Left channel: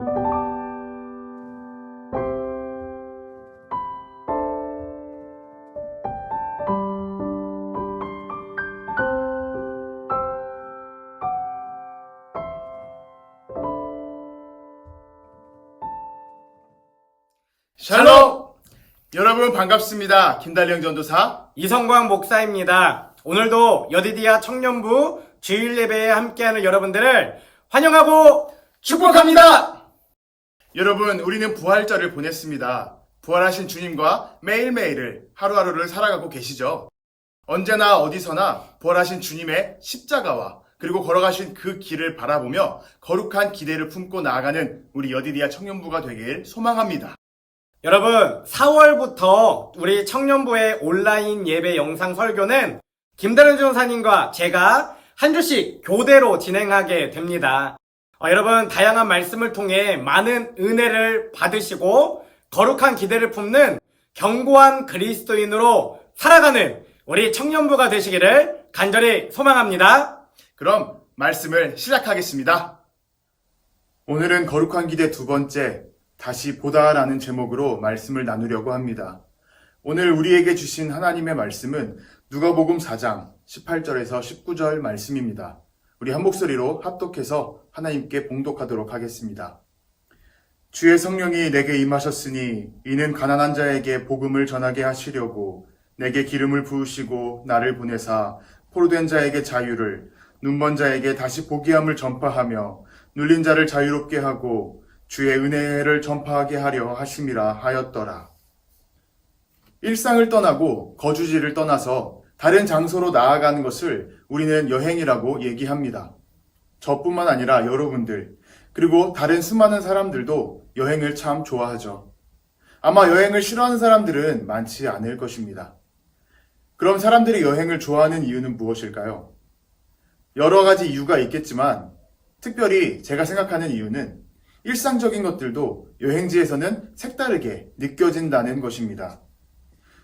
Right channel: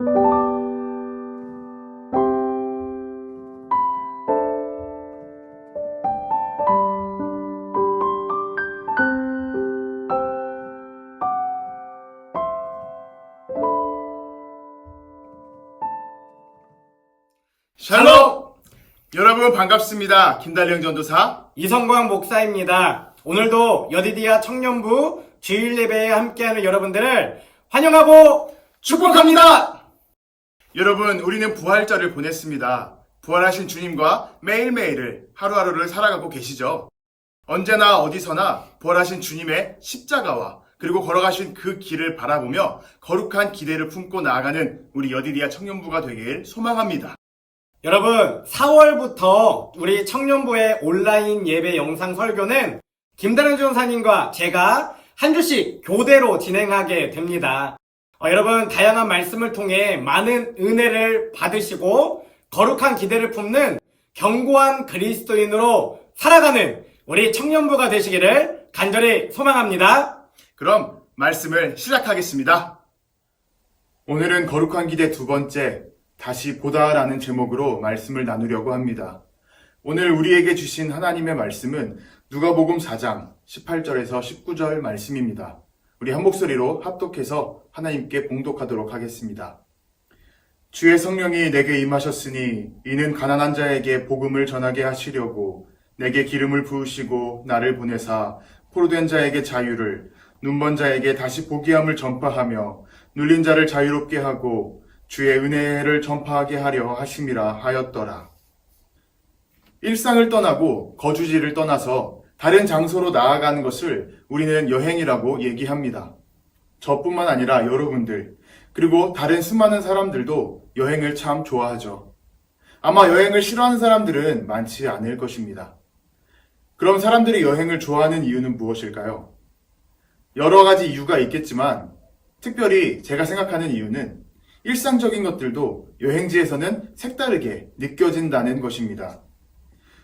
샬롬! 여러분 반갑습니다. 김달령 전도사 이성광 목사입니다. 오늘도 여디디아 청년부 주일 예배에 함께하는 여러분들을 환영하고 축복합니다. 여러분, 우리는 부활절을 보냈습니다. 부활하신 주님과 매일매일을 하루하루를 살아가고 계시죠. 언제나 어디서나 부활하신 주님의 십자가와 그리고 걸어가신 그 길을 바라보며 거룩한 기대를 품고 나아가는 우리 여디디아 청년부가 되길 소망합니다. 여러분, 4월부터 우리 청년부의 온라인 예배 영상 설교는 김다른 전사님과 제가 한 주씩 교대로 진행하게 됩니다. 여러분, 다양한 말씀을 통해 많은 은혜를 받으시고 거룩한 기대를 품는 견고한 그리스도인으로 살아가는 우리 청년부가 되시기를 간절히 소망합니다. 그럼 말씀을 시작하겠습니다. 오늘은 거룩한 기대 두 번째, 다시 보다라는 제목으로 말씀을 나누려고 합니다. 오늘 우리에게 주신 하나님의 말씀은 누가복음 4장 18절에서 19절 말씀입니다. 우리 한 목소리로 합독해서 하나님께 봉독하도록 하겠습니다. 주의 성령이 내게 임하셨으니 이는 가난한 자에게 복음을 전하게 하시려고 내게 기름을 부으시고 나를 보내사 포로된 자에게 자유를, 눈먼 자에게 다시 보게 함을 전파하며 눌린 자를 자유롭게 하고 주의 은혜를 전파하게 하려 하심이라 하였더라. 일상을 떠나고 거주지를 떠나서 다른 장소로 나아가는 것을 우리는 여행이라고 얘기합니다. 저뿐만 아니라 여러분들, 그리고 다른 수많은 사람들도 여행을 참 좋아하죠. 아마 여행을 싫어하는 사람들은 많지 않을 것입니다. 그럼 사람들이 여행을 좋아하는 이유는 무엇일까요? 여러 가지 이유가 있겠지만 특별히 제가 생각하는 이유는 일상적인 것들도 여행지에서는 색다르게 느껴진다는 것입니다.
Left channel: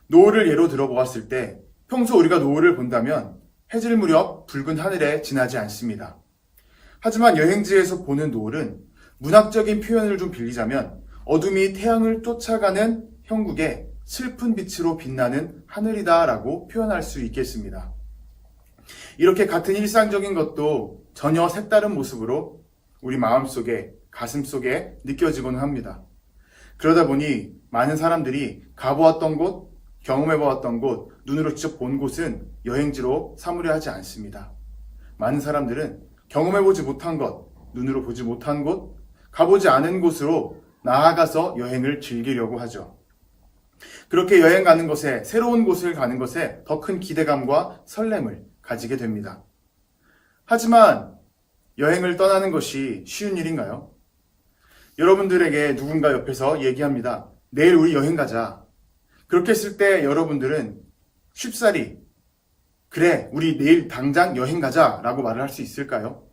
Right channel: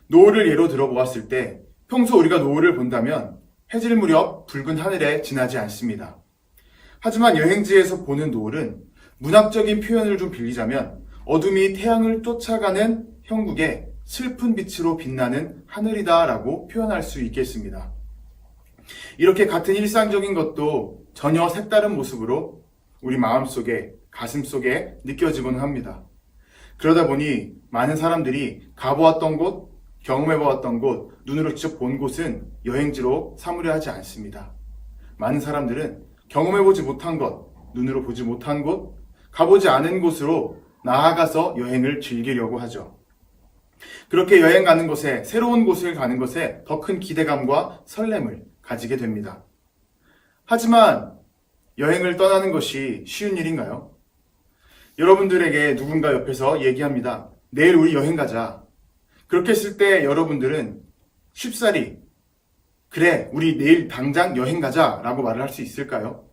노을을 예로 들어보았을 때 평소 우리가 노을을 본다면 해질 무렵 붉은 하늘에 지나지 않습니다. 하지만 여행지에서 보는 노을은 문학적인 표현을 좀 빌리자면 어둠이 태양을 쫓아가는 형국의 슬픈 빛으로 빛나는 하늘이다라고 표현할 수 있겠습니다. 이렇게 같은 일상적인 것도 전혀 색다른 모습으로 우리 마음속에, 가슴속에 느껴지곤 합니다. 그러다 보니 많은 사람들이 가보았던 곳, 경험해보았던 곳, 눈으로 직접 본 곳은 여행지로 삼으려 하지 않습니다. 많은 사람들은 경험해보지 못한 것, 눈으로 보지 못한 곳, 가보지 않은 곳으로 나아가서 여행을 즐기려고 하죠. 그렇게 여행 가는 것에, 새로운 곳을 가는 것에 더 큰 기대감과 설렘을 가지게 됩니다. 하지만 여행을 떠나는 것이 쉬운 일인가요? 여러분들에게 누군가 옆에서 얘기합니다. 내일 우리 여행 가자. 그렇게 했을 때 여러분들은 쉽사리 그래, 우리 내일 당장 여행 가자 라고 말을 할 수 있을까요?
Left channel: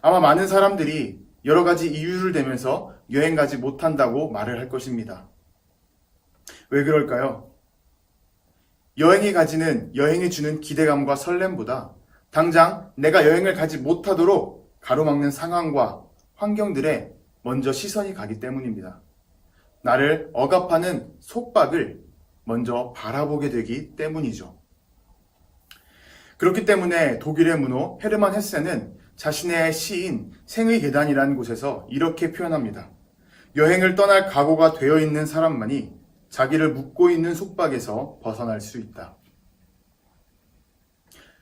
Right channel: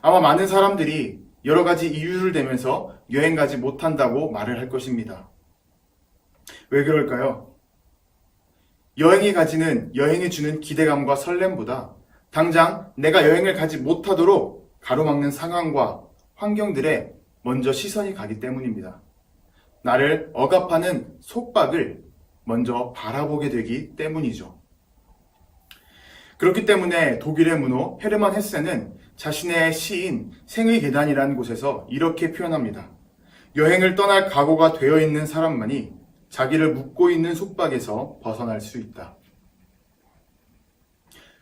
아마 많은 사람들이 여러 가지 이유를 대면서 여행 가지 못한다고 말을 할 것입니다. 왜 그럴까요? 여행이 주는 기대감과 설렘보다 당장 내가 여행을 가지 못하도록 가로막는 상황과 환경들에 먼저 시선이 가기 때문입니다. 나를 억압하는 속박을 먼저 바라보게 되기 때문이죠. 그렇기 때문에 독일의 문호 헤르만 헤세는 자신의 시인 생의 계단이라는 곳에서 이렇게 표현합니다. 여행을 떠날 각오가 되어 있는 사람만이 자기를 묶고 있는 속박에서 벗어날 수 있다.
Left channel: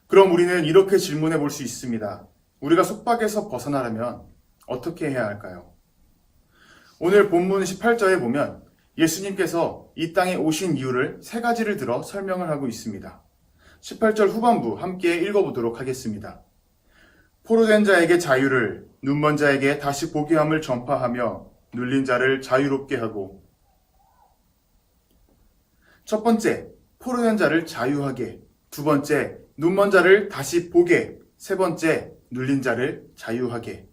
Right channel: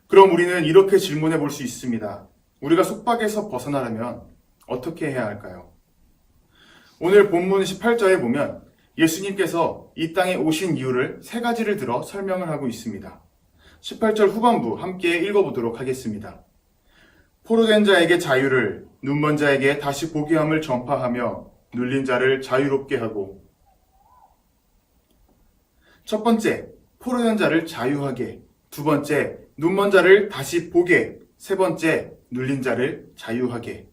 그럼 우리는 이렇게 질문해 볼 수 있습니다. 우리가 속박에서 벗어나려면 어떻게 해야 할까요? 오늘 본문 18절에 보면 예수님께서 이 땅에 오신 이유를 세 가지를 들어 설명을 하고 있습니다. 18절 후반부 함께 읽어보도록 하겠습니다. 포로된 자에게 자유를, 눈먼 자에게 다시 보게 함을 전파하며 눌린 자를 자유롭게 하고. 첫 번째, 포로된 자를 자유하게. 두 번째, 눈먼 자를 다시 보게. 세 번째, 눌린 자를 자유하게.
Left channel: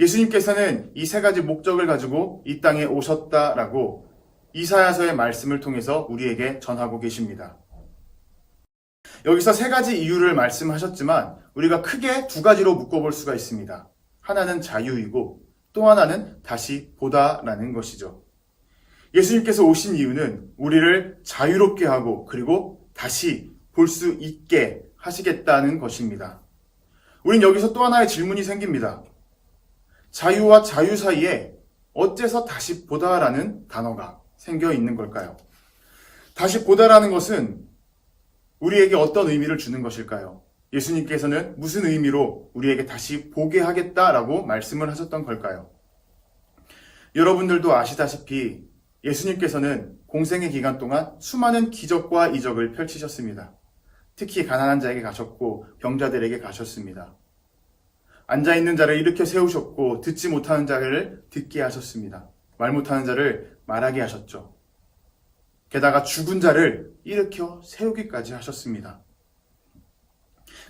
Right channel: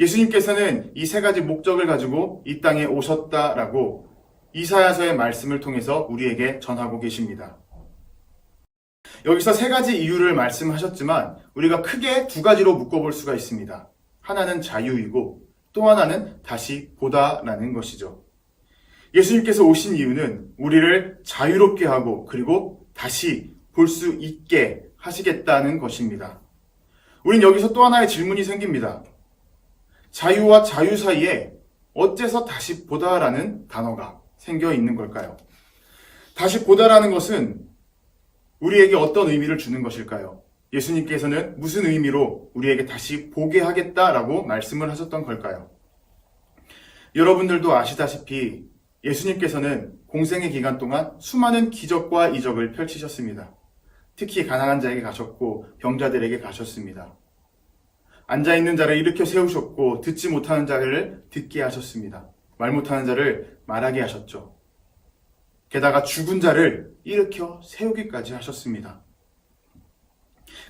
예수님께서는 이 세 가지 목적을 가지고 이 땅에 오셨다라고 이사야서의 말씀을 통해서 우리에게 전하고 계십니다. 여기서 세 가지 이유를 말씀하셨지만 우리가 크게 두 가지로 묶어볼 수가 있습니다. 하나는 자유이고 또 하나는 다시 보다라는 것이죠. 예수님께서 오신 이유는 우리를 자유롭게 하고 그리고 다시 볼 수 있게 하시겠다는 것입니다. 우린 여기서 또 하나의 질문이 생깁니다. 자유와 자유 사이에 어째서 다시 보다라는 단어가 생겨 있는 걸까요? 다시 보다라는 것은 우리에게 어떤 의미를 주는 것일까요? 예수님께서는 무슨 의미로 우리에게 다시 보게 하겠다라고 말씀을 하셨던 걸까요? 여러분들도 아시다시피 예수님께서는 공생의 기간 동안 수많은 기적과 이적을 펼치셨습니다. 특히 가난한 자에게 가셨고 병자들에게 가셨습니다. 앉아있는 자를 일으켜 세우셨고 듣지 못하는 자를 듣게 하셨습니다. 말 못하는 자를 말하게 하셨죠. 게다가 죽은 자를 일으켜 세우기까지 하셨습니다.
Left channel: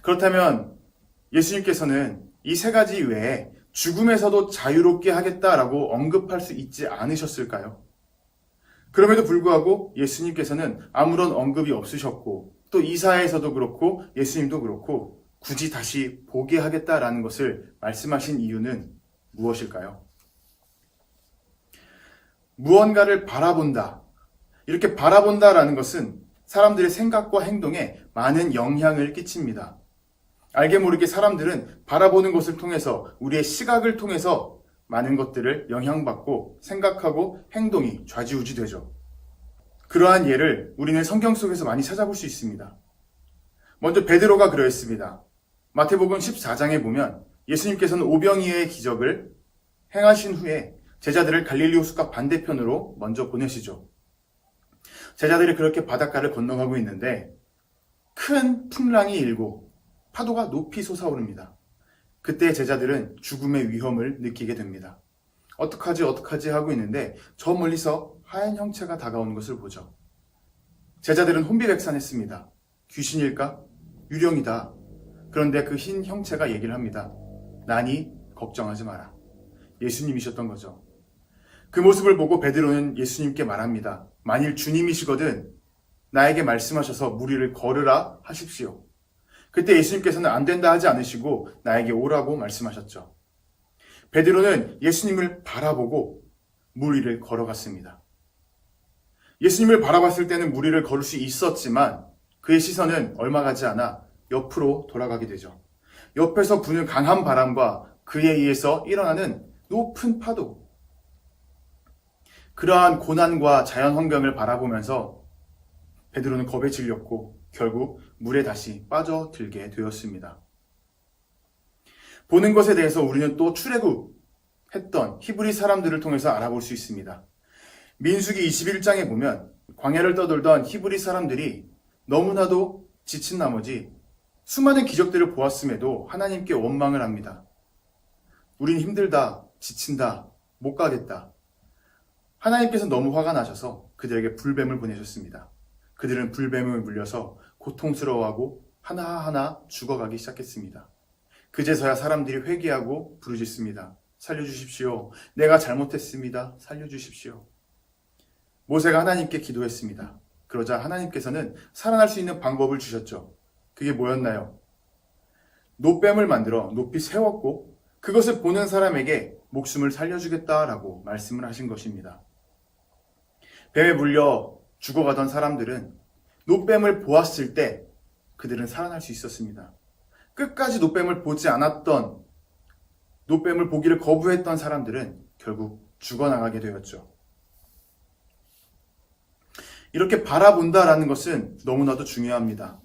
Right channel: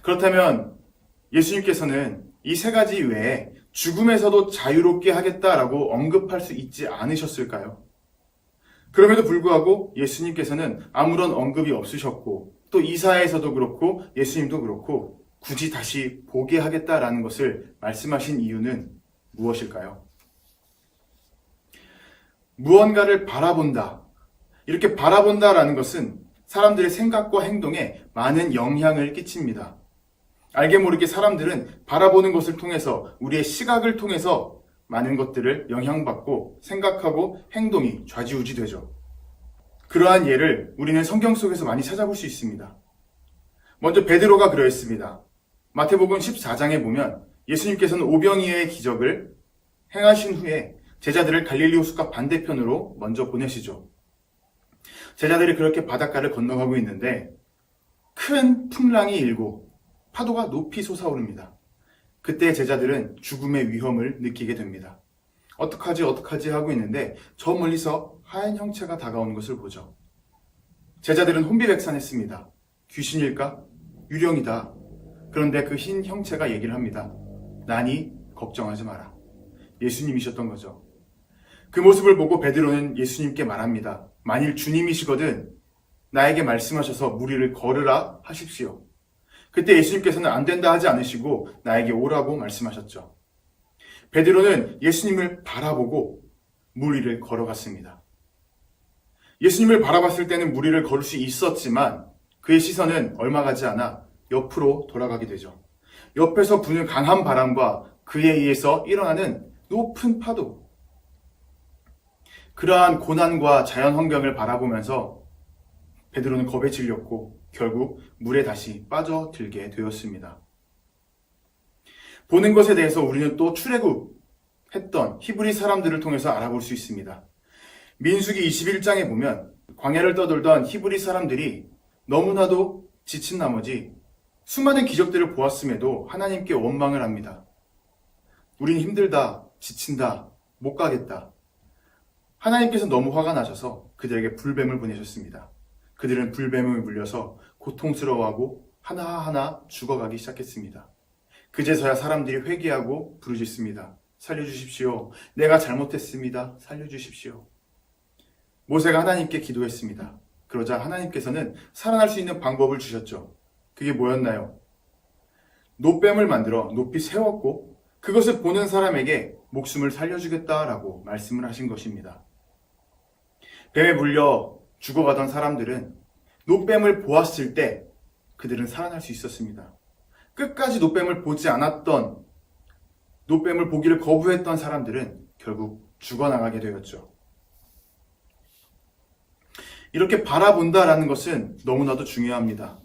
그렇다면 예수님께서는 이 세 가지 외에 죽음에서도 자유롭게 하겠다라고 언급할 수 있지 않으셨을까요? 그럼에도 불구하고 예수님께서는 아무런 언급이 없으셨고 또 이사야에서도 그렇고 예수님도 그렇고 굳이 다시 보게 하겠다라는 것을 말씀하신 이유는 무엇일까요? 무언가를 바라본다. 이렇게 바라본다라는 것은 사람들의 생각과 행동에 많은 영향을 끼칩니다. 알게 모르게 사람들은 바라보는 것을 통해서 우리의 시각을 통해서 많은 것들을 영향받고 생각하고 행동이 좌지우지되죠. 그러한 예를 우리는 성경 속에서 많이 찾아볼 수 있습니다. 먼저 베드로가 그러했습니다. 마태복음 14장에 보면 예수님께서는 오병이어의 기적을 행하신 후에 제자들을 갈릴리 호숫가 반대편으로 먼저 보내시죠. 제자들이 그렇게 바닷가를 건너가고 있는데 큰 풍랑이 일고 파도가 높이 솟아오릅니다. 그때 제자들은 죽음의 위험을 느끼게 됩니다. 어떡하지 하고 있는데 저 멀리서 하얀 형체가 다가오는 것을 보죠. 제자들은 혼비백산했습니다. 귀신일까? 유령이다. 그런데 그 흰 형체가 얘기를 합니다. 나니 걱정하지 마라. 예수님이셨던 거죠. 그 모습을 보고 베드로는 예수님께 말합니다. 만일 주님이시거든 나에게 말씀하셔서 무리를 걸으라 하십시오. 그때 예수님께서는 안 된다 하지 않으시고 나에게 오라고 말씀하셨죠. 베드로는 예수님을 바라보고 물 위를 걸어갔습니다. 예수님을 바라봤을 때는 물 위를 걸을 수 있었지만 그의 시선은 얼마 가지 않아 옆으로 돌아가게 되죠. 옆에서 부는 강한 바람과 그에 의해서 일어나는 높은 파도. 그러한 고난과 자연 환경을 바라보면서 베드로는 겁에 질렸고 결국 물에 다시 빠져들게 되었습니다. 보는 것에 대해서 우리는 또 출애굽했던 히브리 사람들을 통해서 알아볼 수 있습니다. 민수기 21장에 보면 광야를 떠돌던 히브리 사람들이 너무나도 지친 나머지 수많은 기적들을 보았음에도 하나님께 원망을 합니다. 우린 힘들다, 지친다, 못 가겠다. 하나님께서 너무 화가 나셔서 그들에게 불뱀을 보내셨습니다. 그들은 불뱀을 물려서 고통스러워하고 하나하나 죽어가기 시작했습니다. 그제서야 사람들이 회개하고 부르짖습니다. 살려주십시오. 내가 잘못했습니다. 살려주십시오. 모세가 하나님께 기도했습니다. 그러자 하나님께서는 살아날 수 있는 방법을 주셨죠. 그게 뭐였나요? 노뱀을 만들어 높이 세웠고 그것을 보는 사람에게 목숨을 살려주겠다라고 말씀을 하신 것입니다. 뱀에 물려 죽어가던 사람들은 노뱀을 보았을 때 그들은 살아날 수 있었습니다. 끝까지 노뱀을 보지 않았던, 노뱀을 보기를 거부했던 사람들은 결국 죽어나가게 되었죠. 이렇게 바라본다라는 것은 너무나도 중요합니다.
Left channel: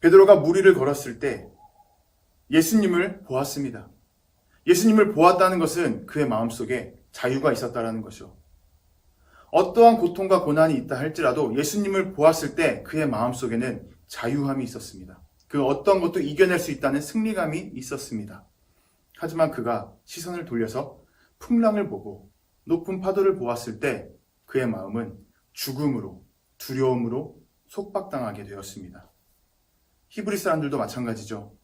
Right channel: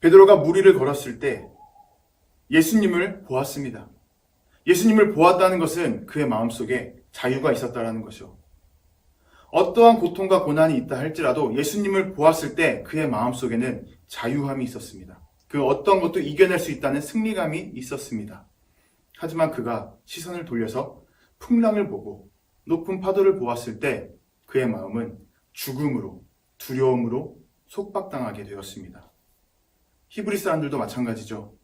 베드로가 물 위를 걸었을 때 예수님을 보았습니다. 예수님을 보았다는 것은 그의 마음속에 자유가 있었다는 것이죠. 어떠한 고통과 고난이 있다 할지라도 예수님을 보았을 때 그의 마음속에는 자유함이 있었습니다. 그 어떤 것도 이겨낼 수 있다는 승리감이 있었습니다. 하지만 그가 시선을 돌려서 풍랑을 보고 높은 파도를 보았을 때 그의 마음은 죽음으로, 두려움으로 속박당하게 되었습니다. 히브리 사람들도 마찬가지죠.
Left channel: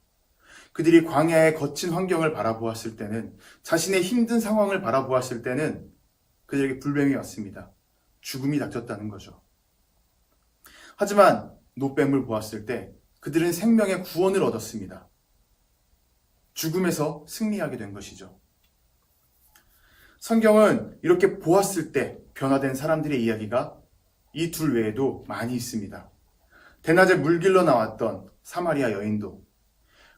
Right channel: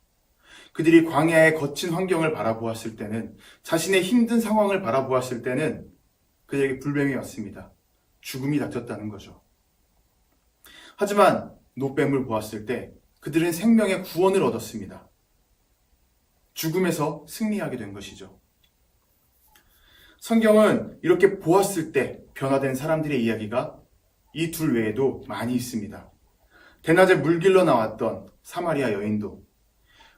그들이 광야의 거친 환경을 바라보았을 때는, 자신의 힘든 상황을 바라보았을 때는 그들에게 불뱀이 왔습니다. 죽음이 닥쳤다는 거죠. 하지만 노뱀을 보았을 때 그들은 생명의 구원을 얻었습니다. 죽음에서 승리하게 된 것이죠. 성경은 이렇게 보았을 때 변화된 사람들의 이야기가 이 둘 외에도 많이 있습니다. 대낮에 물길러 나왔던 사마리아 여인도,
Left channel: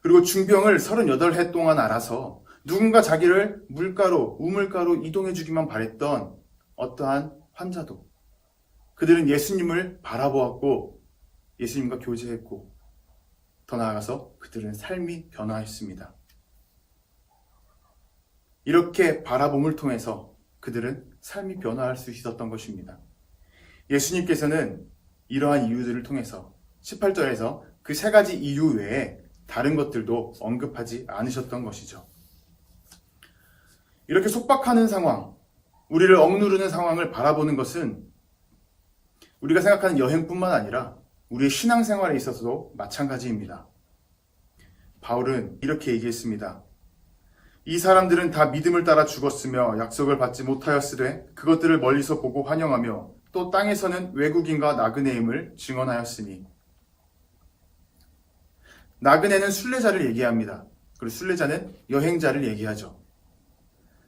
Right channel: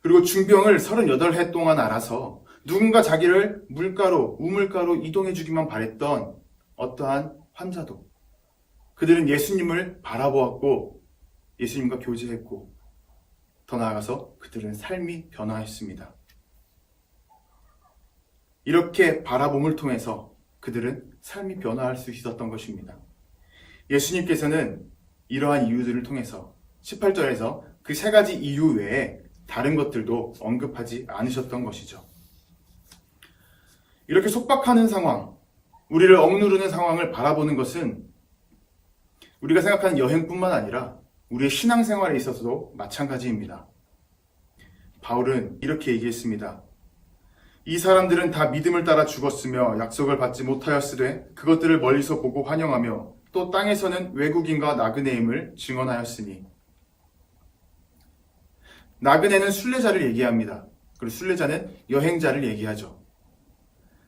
그리고 중병을 38해 동안 앓아서 누군가 자기를 물가로, 우물가로 이동해주기만 바랬던 어떠한 환자도, 그들은 예수님을 바라보았고 예수님과 교제했고 더 나아가서 그들은 삶이 변화했습니다. 이렇게 바라봄을 통해서 그들은 삶이 변화할 수 있었던 것입니다. 예수님께서는 이러한 이유들을 통해서 18절에서 그 3가지 이유 외에 다른 것들도 언급하지 않으셨던 것이죠. 이렇게 속박하는 상황, 우리를 억누르는 상황을 바라보는 것은 우리가 생각하는 여행뿐만 아니라 우리의 신앙생활에 있어서도 마찬가지입니다. 바울은 이렇게 얘기했습니다. 이 사람들은 다 믿음을 따라 죽었으며 약속을 받지 못하였으되 그것들을 멀리서 보고 환영하며 또 땅에서는 외국인과 나그네임을 증언하였으니. 나그네는 순례자를 얘기합니다. 그리고 순례자는 여행자를 얘기하죠.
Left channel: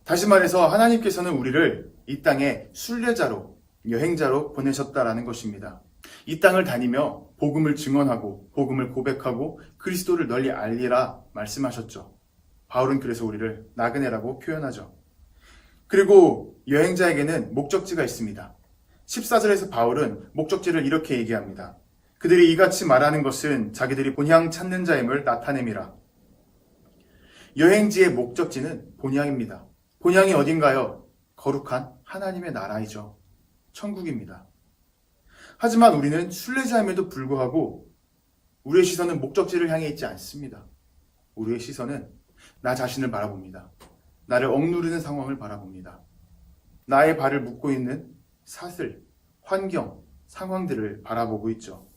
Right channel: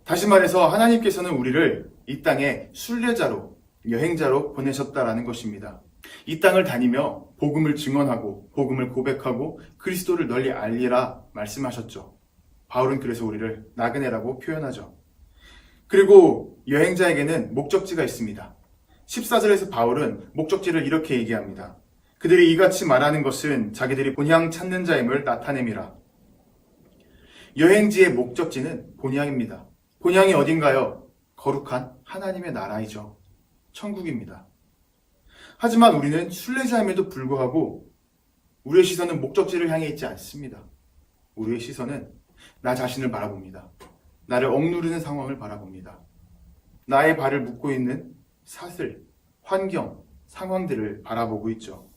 다시 말해서 하나님께서는 우리를 이 땅에 순례자로, 여행자로 보내셨다라는 것입니다. 이 땅을 다니며 복음을 증언하고 복음을 고백하고 그리스도를 널리 알리라 말씀하셨죠. 바울은 그래서 우리를 나그네라고 표현하죠. 그리고 여행자에게는 목적지가 있습니다. 14절에서 바울은 목적지를 이렇게 얘기합니다. 그들이 이같이 말하는 것은 자기들이 본향 찾는 자임을 나타냄이라. 여행지의 목적지는 본향입니다. 본향이 어딘가요? 거룩한 하나님의 나라이죠. 천국입니다. 하지만 우리는 순례자임에도 불구하고 우리의 시선은 목적지를 향해 있지 않습니다. 우리의 시선은 나 자신을 바라봅니다. 나를 억누르는 상황을 바라봅니다. 나의 발을 묶고 있는 사슬, 환경, 상황들을 바라보고 있죠.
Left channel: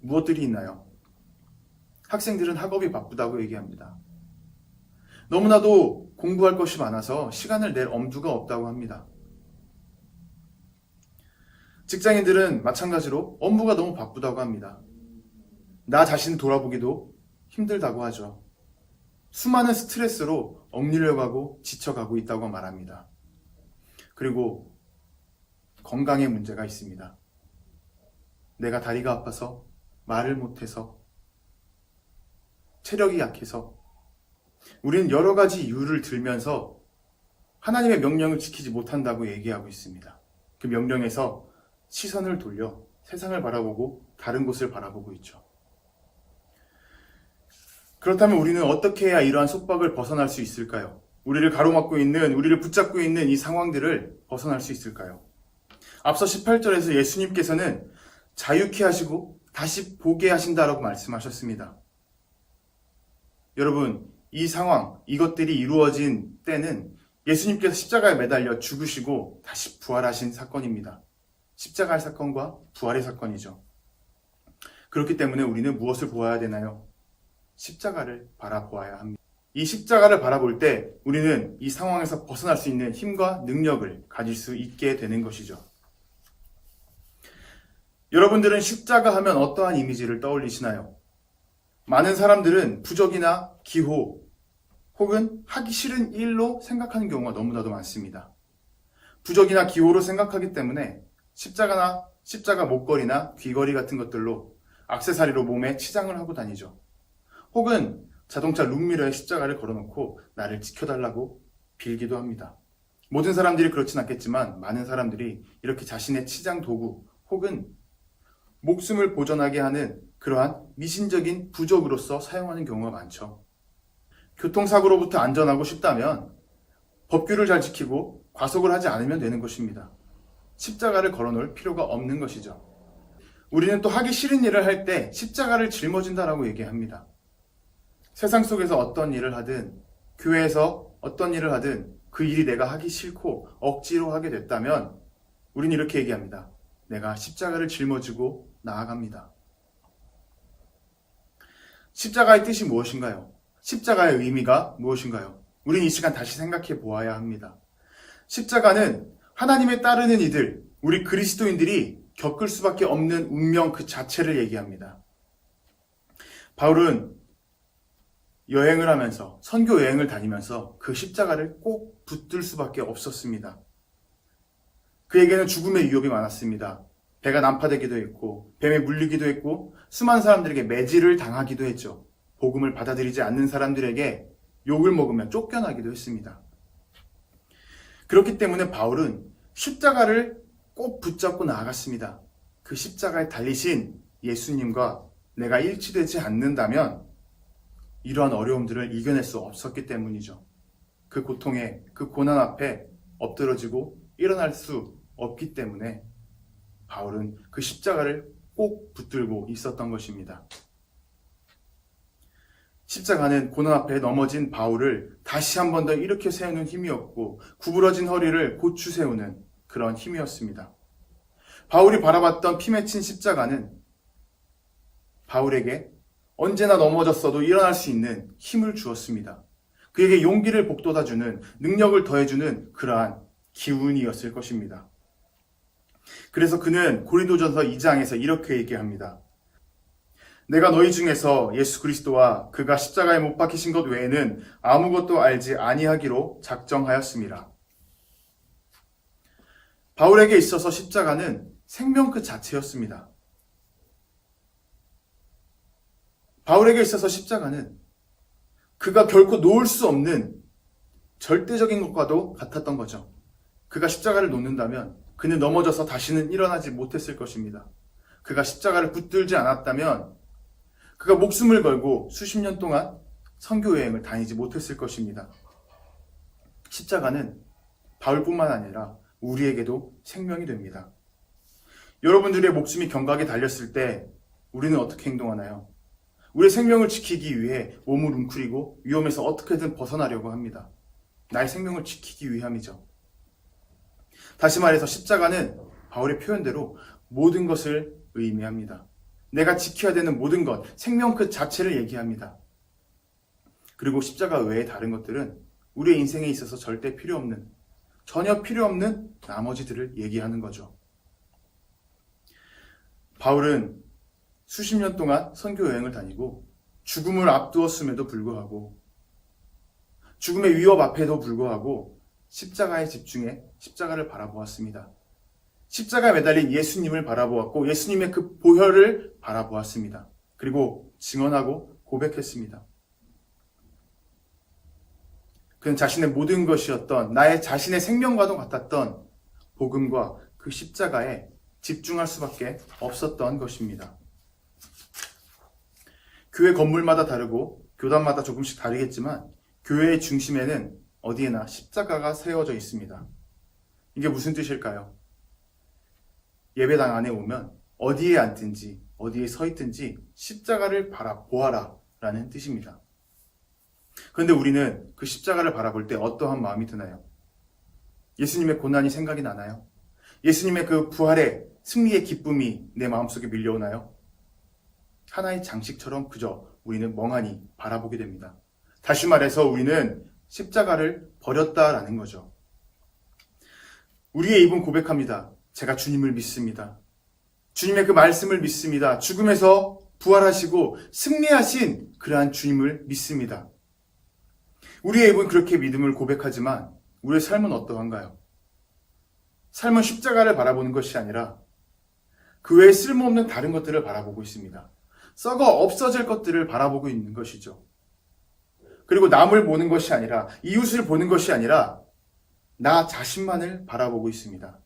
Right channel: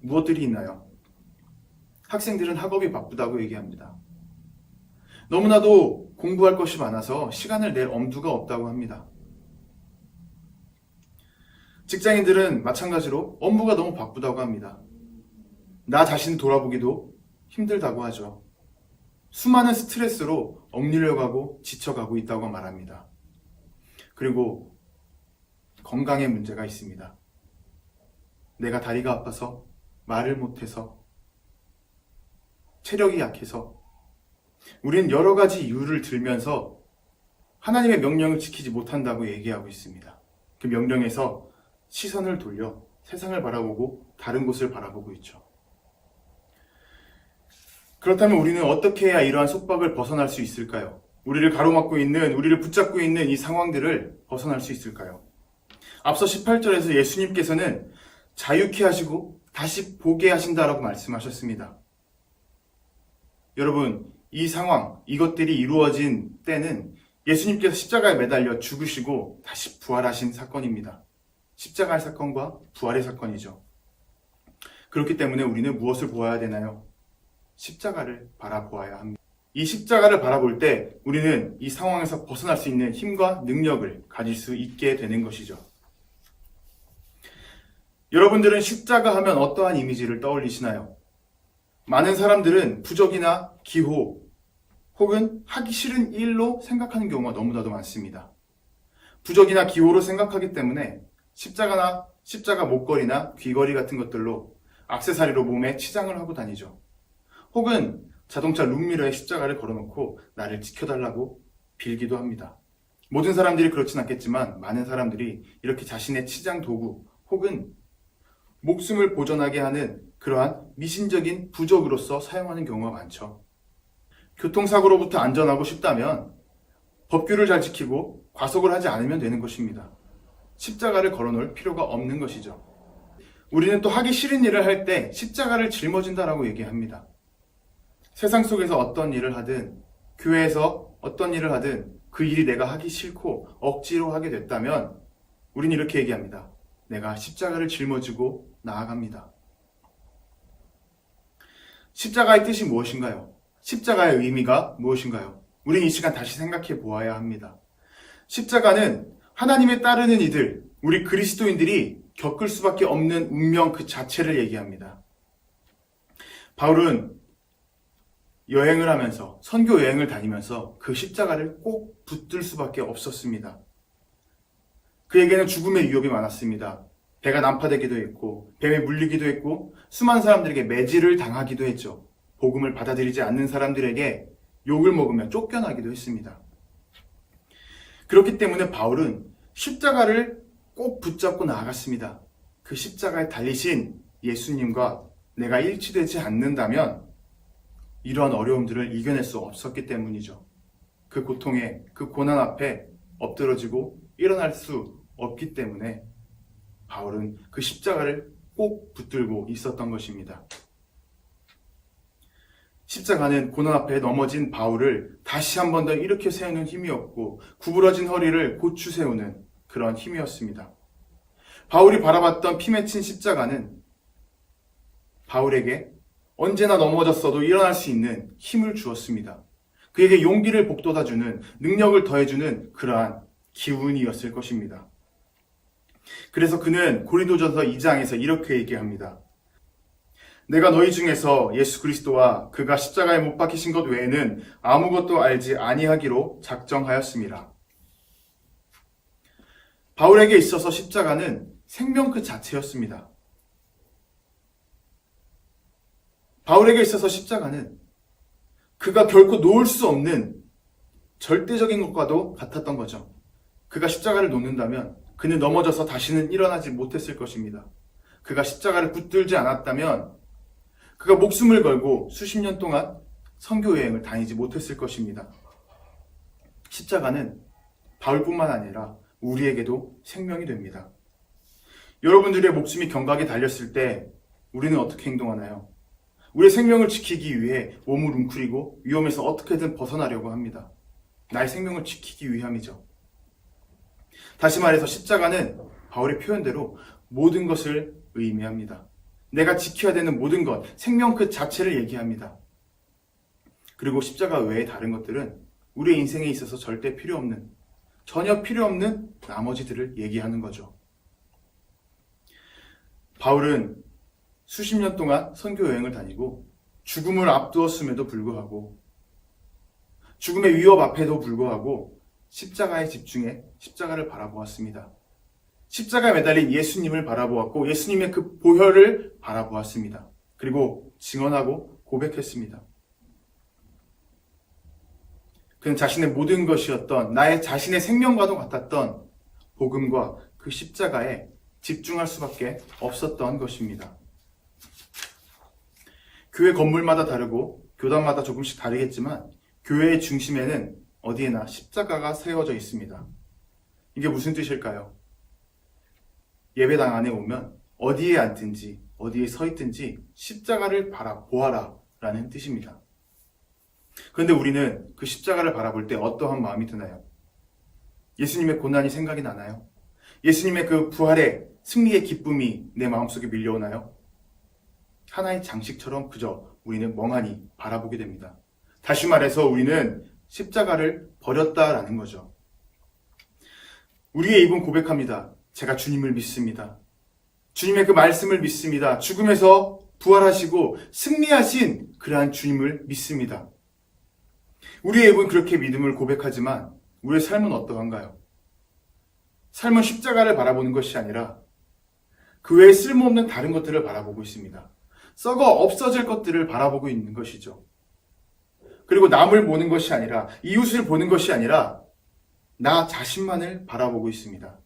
무엇들이 있나요? 학생들은 학업이 바쁘다고 얘기합니다. 너무나도 공부할 것이 많아서 시간을 낼 엄두가 없다고 합니다. 직장인들은 마찬가지로 업무가 너무 바쁘다고 합니다. 나 자신 돌아보기도 힘들다고 하죠. 수많은 스트레스로 억눌려가고 지쳐가고 있다고 말합니다. 그리고 건강에 문제가 있습니다. 내가 다리가 아파서, 말을 못해서, 체력이 약해서, 우린 여러 가지 이유를 들면서 하나님의 명령을 지키지 못한다고 얘기하고 있습니다. 그 명령에서 시선을 돌려 세상을 바라보고 다른 곳을 바라보고 있죠. 그렇다면 우리는 어떻게 해야 이러한 속박을 벗어날 수 있을까요? 우리를 가로막고 있는, 우리를 붙잡고 있는 이 상황들을 벗어날 수 있을까요? 앞서 18절에서 예수님께서는 자유케 하시고 다시 보게 하신다라고 말씀하셨습니다. 여러분, 이 상황, 이것들이 이루어진 때는 예수님께서 십자가에 매달려 죽으시고 다시 부활하신 사건입니다. 십자가의 사건과 부활의 사건이죠. 그렇기 때문에 우리는 무엇을 보아야 되나요? 십자가를 바라보아야 합니다. 이 십자가를 바라볼 때 우리는 이 상황에서 벗어날 수 있는 힘과 능력을 가질 수 있게 되는 것이죠. 여러분들은 십자가 하면 어떠한 이미지를 떠올리시나요? 많은 사람들은 부적이나 기호 혹은 하기 싫은 일로 생각하는 경우가 너무나도 많습니다. 부적이나 기호로 생각하기 때문에 십자가 목걸이나 귀걸이 같은 것들로 액세서리로 몸에 치장을 하고 다니죠. 혹은 자동차 룸미러에 십자가를 걸어놓고 나를 지켜달라고 빌기도 합니다. 모든 사람들이 그렇진 않겠지만 많은 사람들이 이렇게 자신의 치장 도구 혹은 목숨을 보존하게 하는 그러한 미신적인 부적으로서 사용하는 경우가 많죠. 교통사고로부터 안전하고 싶다면 법규를 잘 지키고 과속을 하지 않으면 되는 것입니다. 십자가를 걸어놓을 필요가 없는 것이죠. 우리는 또 하기 싫은 일을 할 때 십자가를 짊어진다라고 얘기합니다. 세상 속에서 어떤 일을 하든, 교회에서 어떤 일을 하든 그 일이 내가 하기 싫고 억지로 하게 됐다면 우리는 이렇게 얘기합니다. 내가 십자가를 짊어지고 나아갑니다. 십자가의 뜻이 무엇인가요? 십자가의 의미가 무엇인가요? 우리는 이 시간 다시 생각해 보아야 합니다. 십자가는 하나님에 따르는 이들, 우리 그리스도인들이 겪을 수밖에 없는 운명 그 자체를 얘기합니다. 바울은 여행을 하면서, 선교 여행을 다니면서 그 십자가를 꼭 붙들 수밖에 없었습니다. 그에게는 죽음의 위협이 많았습니다. 배가 난파되기도 했고, 뱀에 물리기도 했고, 수많은 사람들에게 매질을 당하기도 했죠. 복음을 받아들이지 않는 사람들에게 욕을 먹으며 쫓겨나기도 했습니다. 그렇기 때문에 바울은 십자가를 꼭 붙잡고 나아갔습니다. 그 십자가에 달리신 예수님과 내가 일치되지 않는다면 이런 어려움들을 이겨낼 수 없었기 때문이죠. 그 고통에, 그 고난 앞에 엎드러지고 일어날 수 없기 때문에 바울은 그 십자가를 꼭 붙들고 있었던 것입니다. 십자가는 고난 앞에 넘어진 바울을 다시 한 번 더 일으켜 세우는 힘이었고, 구부러진 허리를 고추 세우는 그런 힘이었습니다. 바울이 바라봤던 피 맺힌 십자가는 바울에게 언제나 넘어졌어도 일어날 수 있는 힘을 주었습니다. 그에게 용기를 북돋아주는, 능력을 더해주는 그러한 기운이었을 것입니다. 그래서 그는 고린도전서 2장에서 이렇게 얘기합니다. 내가 너희 중에서 예수 그리스도와 그가 십자가에 못 박히신 것 외에는 아무것도 알지 아니하기로 작정하였습니다. 바울에게 있어서 십자가는 생명 그 자체였습니다. 바울에게 있어서 십자가는 그가 결코 놓을 수 없는 절대적인 것과도 같았던 거죠. 그가 십자가를 놓는다면 그는 넘어져서 다시는 일어나지 못했을 것입니다. 그가 십자가를 붙들지 않았다면 그가 목숨을 걸고 수십 년 동안 선교 여행을 다니지 못했을 것입니다. 십자가는 바울뿐만 아니라 우리에게도 생명이 됩니다. 여러분들의 목숨이 경각에 달렸을 때 우리는 어떻게 행동하나요? 우리의 생명을 지키기 위해 몸을 웅크리고 위험에서 어떻게든 벗어나려고 합니다. 나의 생명을 지키기 위함이죠. 다시 말해서 십자가는 바울의 표현대로 모든 것을 의미합니다. 내가 지켜야 되는 모든 것, 생명 그 자체를 얘기합니다. 그리고 십자가 외의 다른 것들은 우리의 인생에 있어서 절대 필요 없는, 전혀 필요 없는 나머지들을 얘기하는 거죠. 바울은 수십 년 동안 선교 여행을 다니고 죽음을 앞두었음에도 불구하고, 죽음의 위협 앞에도 불구하고 십자가에 집중해 십자가를 바라보았습니다. 십자가에 매달린 예수님을 바라보았고 예수님의 그 보혈을 바라보았습니다. 그리고 증언하고 고백했습니다. 그는 자신의 모든 것이었던, 나의 자신의 생명과도 같았던 복음과 그 십자가에 집중할 수밖에 없었던 것입니다. 교회 건물마다 다르고 교단마다 조금씩 다르겠지만 교회의 중심에는 어디에나 십자가가 세워져 있습니다. 이게 무슨 뜻일까요? 예배당 안에 오면 어디에 앉든지 어디에 서 있든지 십자가를 바라보아라 라는 뜻입니다. 그런데 우리는 그 십자가를 바라볼 때 어떠한 마음이 드나요? 예수님의 고난이 생각이 나나요? 예수님의 그 부활의 승리의 기쁨이 내 마음속에 밀려오나요? 하나의 장식처럼 그저 우리는 멍하니 바라보게 됩니다. 다시 말해서 우리는 십자가를 버렸다라는 거죠. 우리의 입은 고백합니다. 제가 주님을 믿습니다. 주님의 그 말씀을 믿습니다. 죽음에서 부활하시고 승리하신 그러한 주님을 믿습니다. 우리의 입은 그렇게 믿음을 고백하지만 우리의 삶은 어떠한가요? 삶은 십자가를 바라보는 것이 아니라 그 외에 쓸모없는 다른 것들을 바라보고 있습니다. 썩어 없어질 것들을 바라보고 있는 것이죠. 그리고 남을 보는 것이 아니라, 이웃을 보는 것이 아니라 나 자신만을 바라보고 있습니다.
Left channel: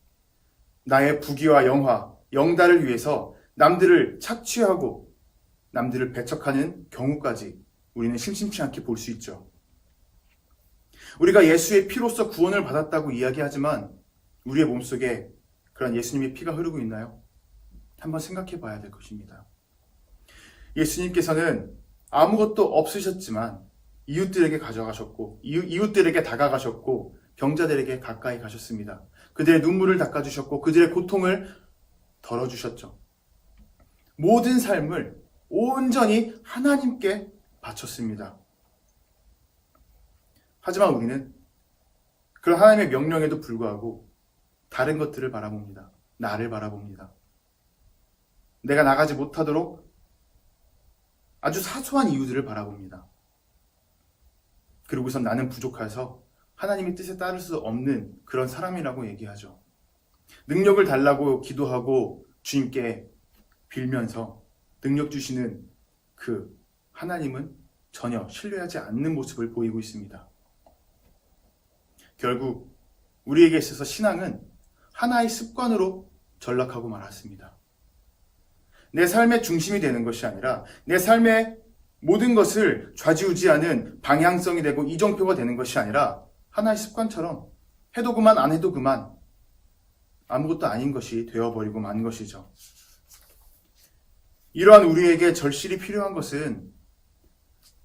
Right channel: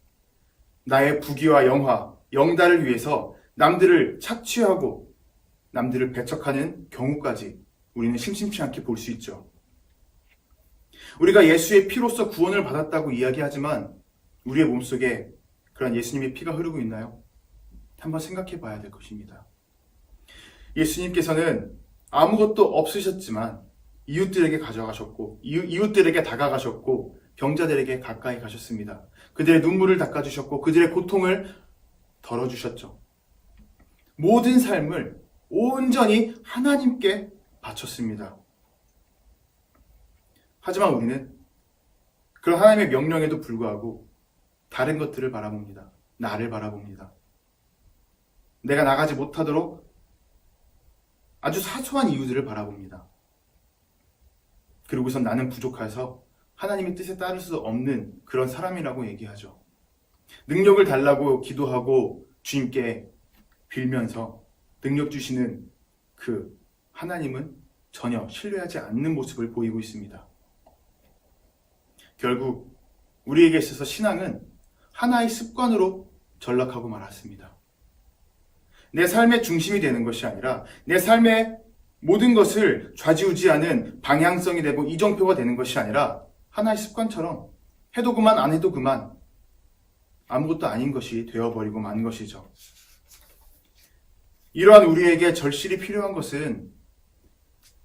나의 부귀와 영화, 영달을 위해서 남들을 착취하고 남들을 배척하는 경우까지 우리는 심심치 않게 볼 수 있죠. 우리가 예수의 피로써 구원을 받았다고 이야기하지만 우리의 몸속에 그런 예수님의 피가 흐르고 있나요? 한번 생각해 봐야 될 것입니다. 예수님께서는 아무것도 없으셨지만 이웃들에게 가져가셨고 이웃들에게 다가가셨고 병자들에게 가까이 가셨습니다. 그들의 눈물을 닦아주셨고 그들의 고통을 덜어주셨죠. 모든 삶을 온전히 하나님께 바쳤습니다. 하지만 우리는 그런 하나님의 명령에도 불구하고 다른 것들을 바라봅니다. 나를 바라봅니다. 내가 나가지 못하도록 아주 사소한 이유들을 바라봅니다. 그리고선 나는 부족해서 하나님의 뜻에 따를 수 없는 그런 사람이라고 얘기하죠. 능력을 달라고 기도하고 주님께 빌면서 능력 주시는 그 하나님은 전혀 신뢰하지 않는 모습을 보이고 있습니다. 결국 우리에게 있어서 신앙은 하나의 습관으로 전락하고 말았습니다. 내 삶의 중심이 되는 것이 아니라 내 삶의 모든 것을 좌지우지하는 방향성이 되고 이정표가 되는 것이 아니라 하나의 습관처럼 해도 그만 안 해도 그만 아무것도 아닌 것이 되어버리고 만 것이죠. 이러한 우리에게 절실히 필요한 것은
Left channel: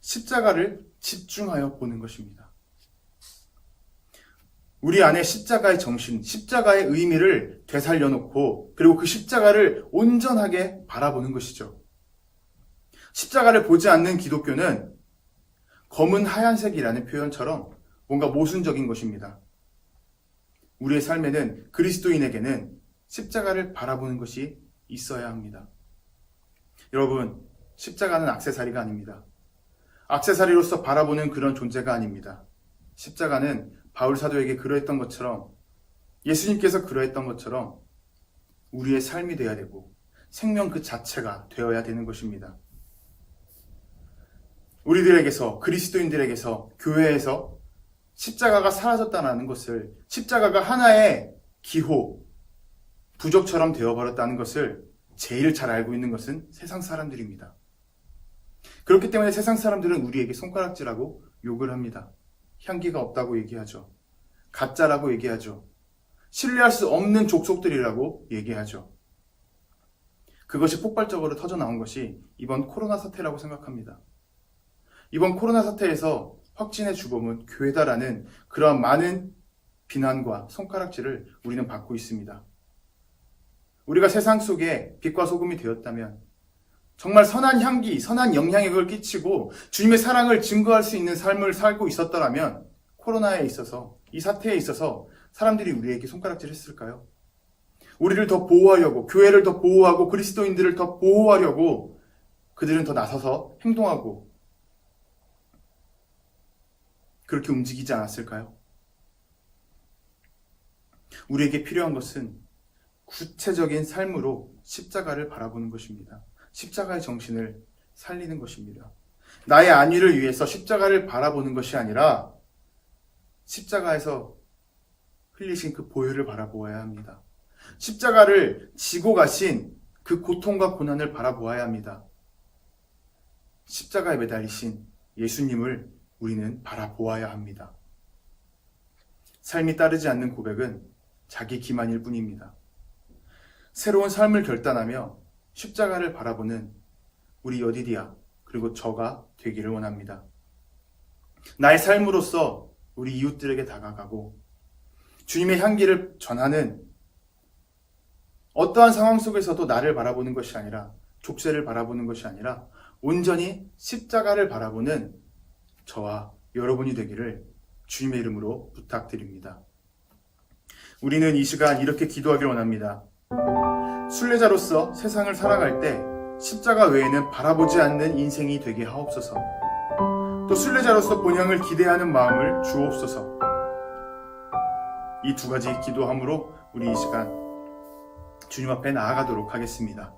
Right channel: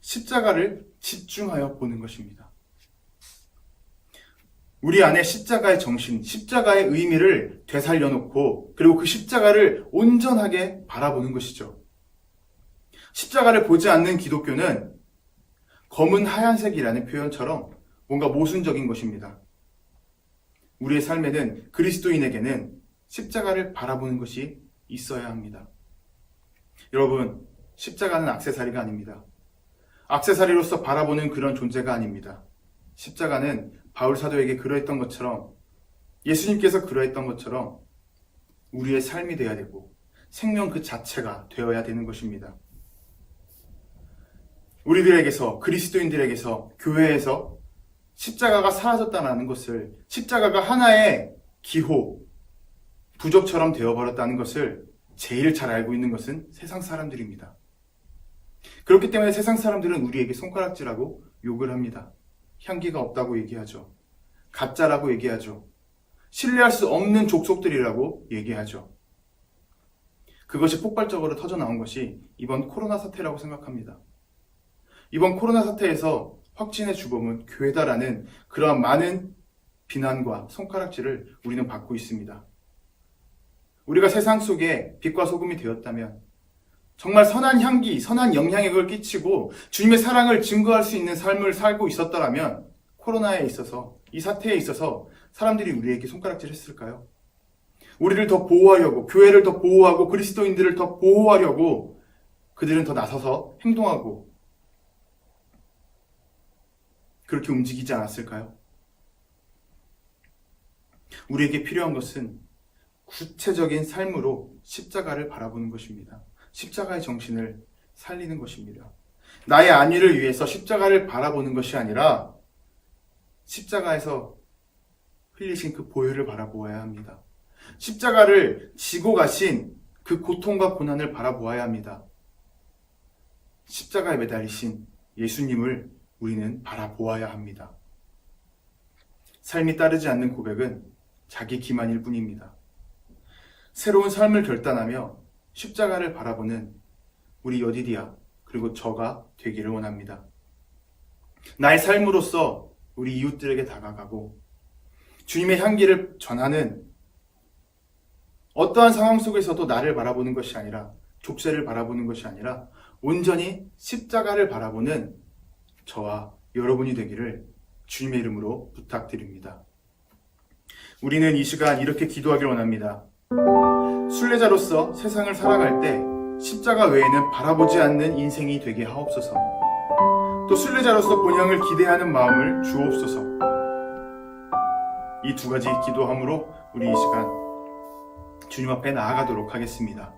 십자가를 집중하여 보는 것입니다. 우리 안에 십자가의 정신, 십자가의 의미를 되살려놓고 그리고 그 십자가를 온전하게 바라보는 것이죠. 십자가를 보지 않는 기독교는 검은 하얀색이라는 표현처럼 뭔가 모순적인 것입니다. 우리의 삶에는 그리스도인에게는 십자가를 바라보는 것이 있어야 합니다. 여러분, 십자가는 액세서리가 아닙니다. 액세서리로서 바라보는 그런 존재가 아닙니다. 십자가는 바울 사도에게 그러했던 것처럼 예수님께서 그러했던 것처럼 우리의 삶이 되어야 되고 생명 그 자체가 되어야 되는 것입니다. 우리들에게서 그리스도인들에게서 교회에서 십자가가 사라졌다는 것을 십자가가 하나의 기호, 부적처럼 되어버렸다는 것을 제일 잘 알고 있는 것은 세상 사람들입니다. 그렇기 때문에 세상 사람들은 우리에게 손가락질하고 욕을 합니다. 향기가 없다고 얘기하죠. 가짜라고 얘기하죠. 신뢰할 수 없는 족속들이라고 얘기하죠. 그것이 폭발적으로 터져나온 것이 이번 코로나 사태라고 생각합니다. 이번 코로나 사태에서 확진의 주범은 교회다라는 그러한 많은 비난과 손가락질을 우리는 받고 있습니다. 우리가 세상 속에 빛과 소금이 되었다면 정말 선한 향기, 선한 영향력을 끼치고 주님의 사랑을 증거할 수 있는 삶을 살고 있었더라면 코로나에 있어서, 이 사태에 있어서 사람들이 우리에게 손가락질 했을까요? 우리를 더 보호하려고, 교회를 더 보호하고 그리스도인들을 더 보호하려고 그들은 더 나서서 행동하고 그렇게 움직이지 않았을까요? 우리에게 필요한 것은 구체적인 삶으로 십자가를 바라보는 것입니다. 십자가의 정신을 살리는 것입니다. 나의 안위를 위해서 십자가를 바라보는 것이 아니라 십자가에서 흘리신 그 보혈을 바라보아야 합니다. 십자가를 지고 가신 그 고통과 고난을 바라보아야 합니다. 십자가에 매달리신 예수님을 우리는 바라보아야 합니다. 삶이 따르지 않는 고백은 자기 기만일 뿐입니다. 새로운 삶을 결단하며 십자가를 바라보는 우리 여디디아 그리고 저가 되기를 원합니다. 나의 삶으로서 우리 이웃들에게 다가가고 주님의 향기를 전하는 어떠한 상황 속에서도 나를 바라보는 것이 아니라 족쇄를 바라보는 것이 아니라 온전히 십자가를 바라보는 저와 여러분이 되기를 주님의 이름으로 부탁드립니다. 우리는 이 시간 이렇게 기도하길 원합니다. 순례자로서 세상을 살아갈 때 십자가 외에는 바라보지 않는 인생이 되게 하옵소서. 또 순례자로서 본향을 기대하는 마음을 주옵소서. 이 두 가지 기도함으로 우리 이 시간 주님 앞에 나아가도록 하겠습니다.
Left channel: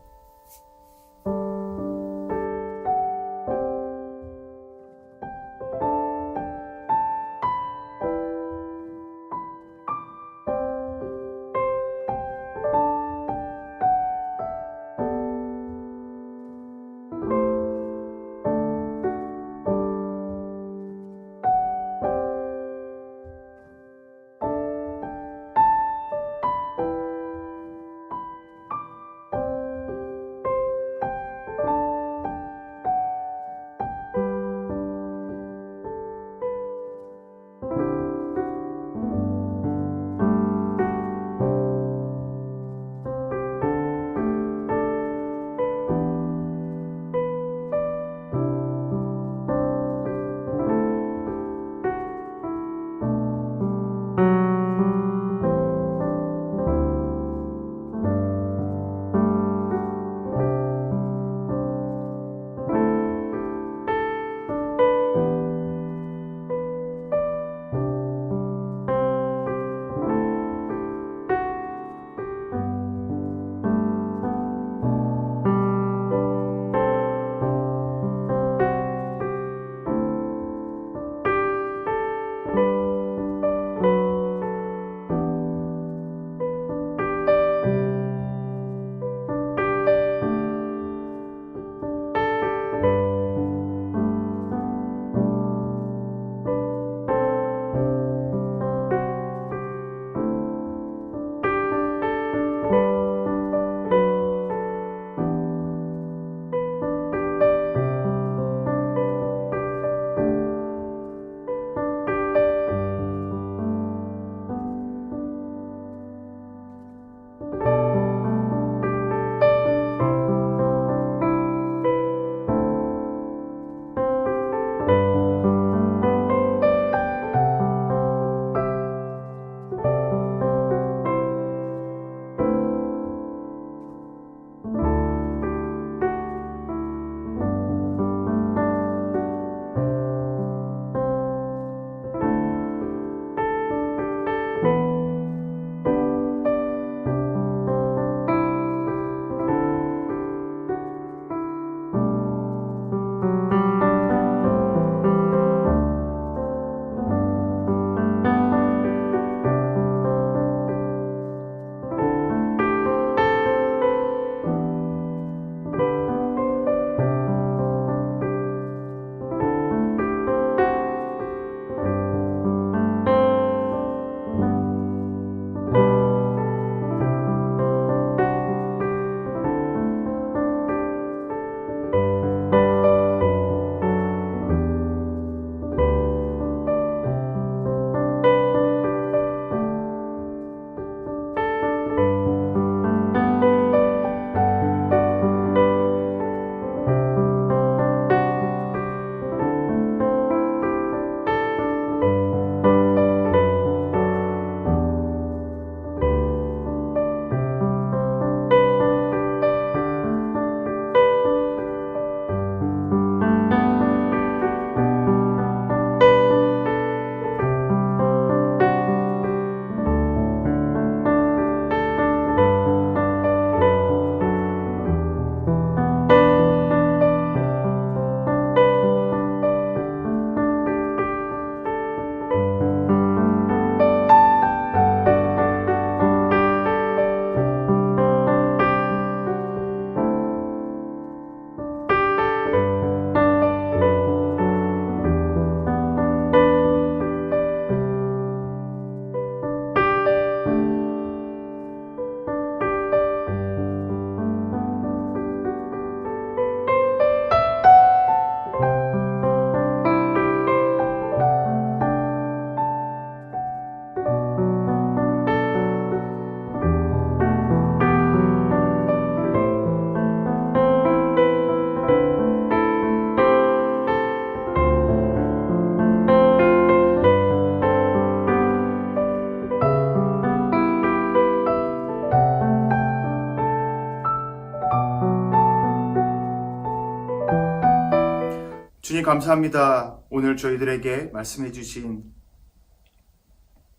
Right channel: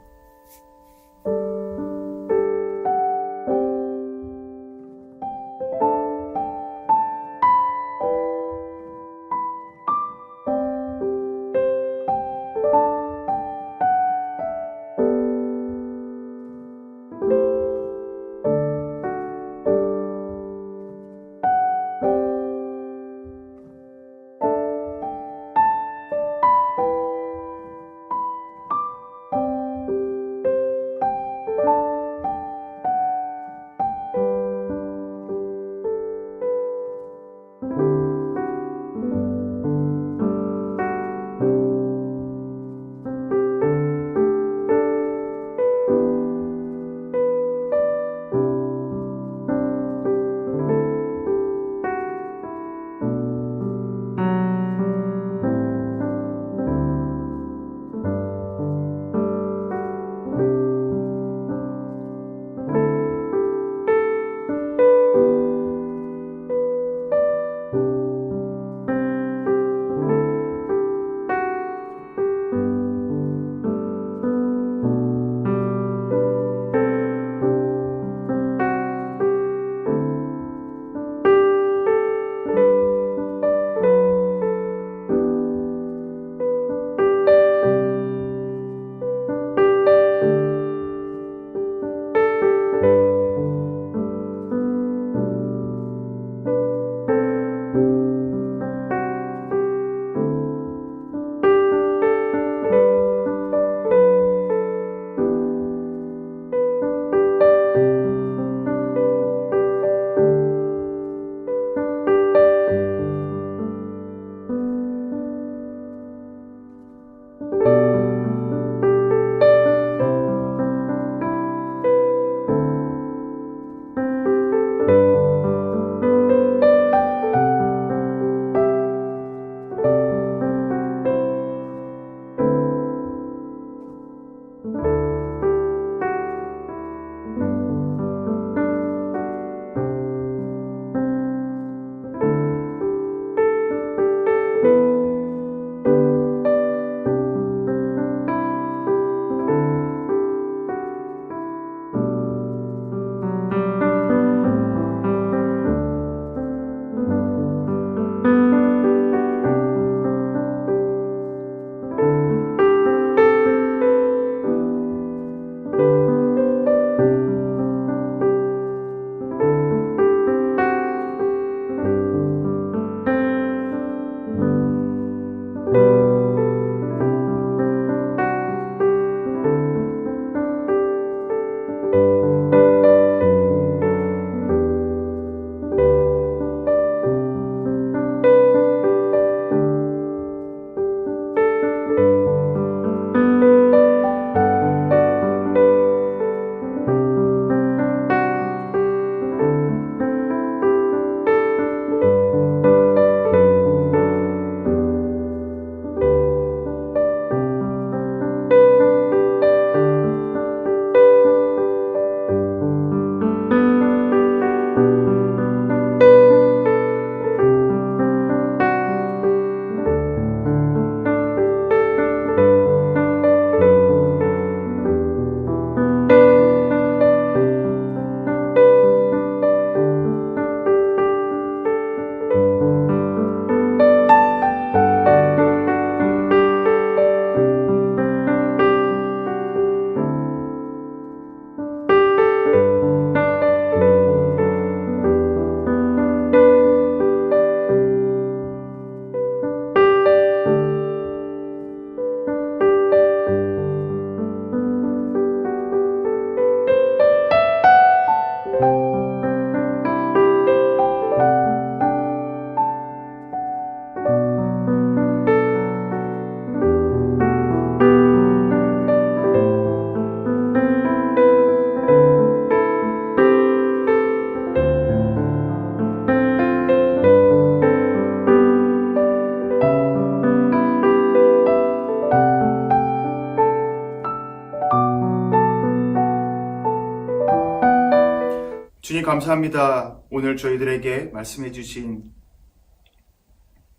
주님 감사합니다. 오늘 저희들에게 말씀해 주신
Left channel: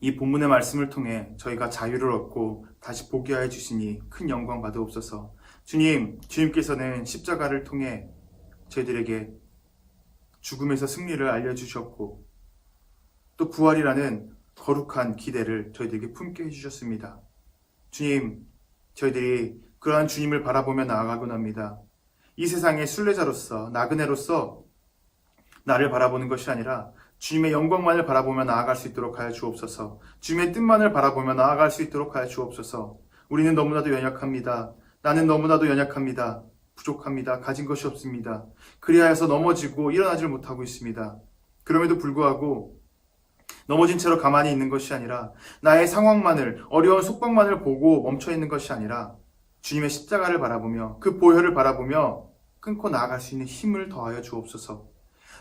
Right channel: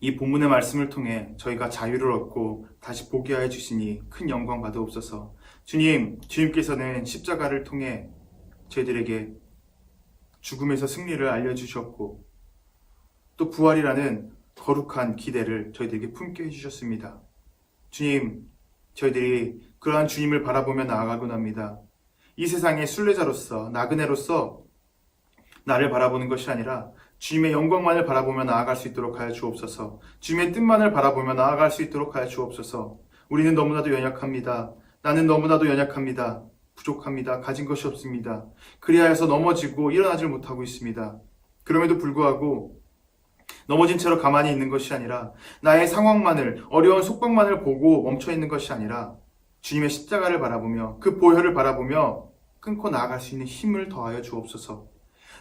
이 본문의 말씀을 통해 저희가 자유를 얻고 다시 보게 하여 주시니 큰 영광 받으옵소서. 주님, 주님께서는 십자가를 통해 저희들에게 죽음에서 승리를 알려주셨고 또 부활이라는 거룩한 기대를 저희들에게 품게 해주셨습니다. 주님, 저희들이 그러한 주님을 바라보며 나아가곤 합니다. 이 세상의 순례자로서, 나그네로서 나를 바라보는 것이 아니라 주님의 영광만을 바라보며 나아갈 수 있도록 하여 주옵소서. 주님의 뜻만을 바라보며 나아갈 수 있도록 하여 주옵소서. 우리는 너무나도 연약합니다. 나는 너무나도 연약합니다. 부족합니다. 가진 것이 없습니다. 그리하여서 넘어지고 일어나질 못하고 있습니다. 그럼에도 불구하고 넘어진 채로 가만히 있는 것이 아니라 나의 상황만을, 어려운 속박만을 보고 멈춰 있는 것이 아니라 주님의 십자가를 바라보며 그 보혈을 바라보며 끊고 나아갈 수 있는 힘을 더하여 주옵소서.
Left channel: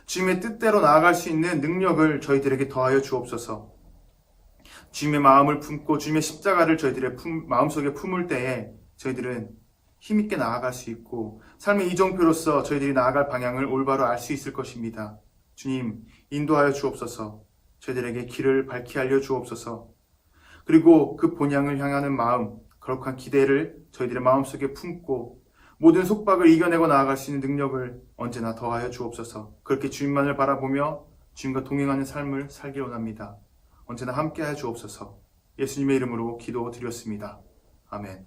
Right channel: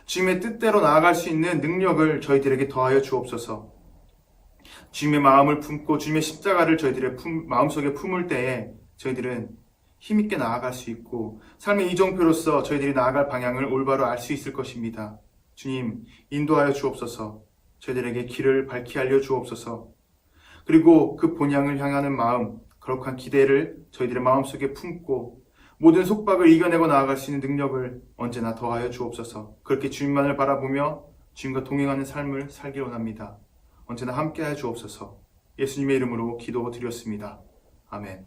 주님의 뜻대로 나아갈 수 있는 능력을 저희들에게 더하여 주옵소서. 주님의 마음을 품고 주님의 십자가를 저희들의 마음속에 품을 때에 저희들은 힘있게 나아갈 수 있고 삶의 이정표로서 저희들이 나아갈 방향을 올바로 알 수 있을 것입니다. 주님, 인도하여 주옵소서. 저희들에게 길을 밝히 알려 주옵소서. 그리고 그 본향을 향하는 마음, 거룩한 기대를 저희들의 마음속에 품고 모든 속박을 이겨내고 나아갈 수 있는 능력을 언제나 더하여 주옵소서. 그렇게 주님만을 바라보며 주님과 동행하는 삶을 살기 원합니다. 언제나 함께하여 주옵소서. 예수님의 이름으로 기도드렸습니다. 아멘.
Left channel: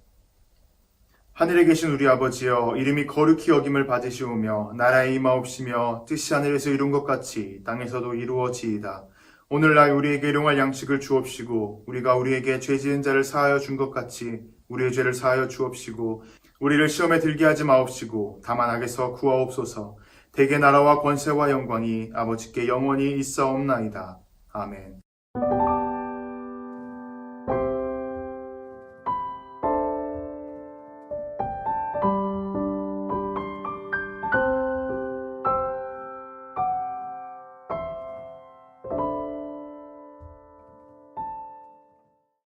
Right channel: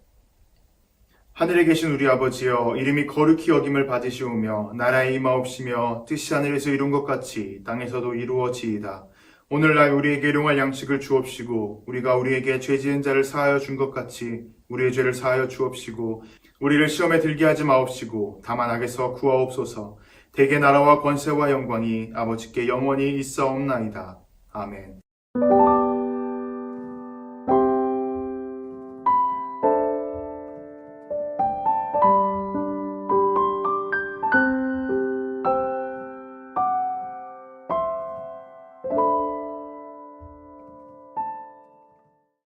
하늘에 계신 우리 아버지여, 이름이 거룩히 여김을 받으시오며 나라의 임하옵시며 뜻이 하늘에서 이룬 것 같이 땅에서도 이루어지이다. 오늘날 우리에게 일용할 양식을 주옵시고 우리가 우리에게 죄 지은 자를 사하여 준 것 같이 우리의 죄를 사하여 주옵시고 우리를 시험에 들게 하지 마옵시고 다만 악에서 구하옵소서. 대개 나라와 권세와 영광이 아버지께 영원히 있사옵나이다. 아멘.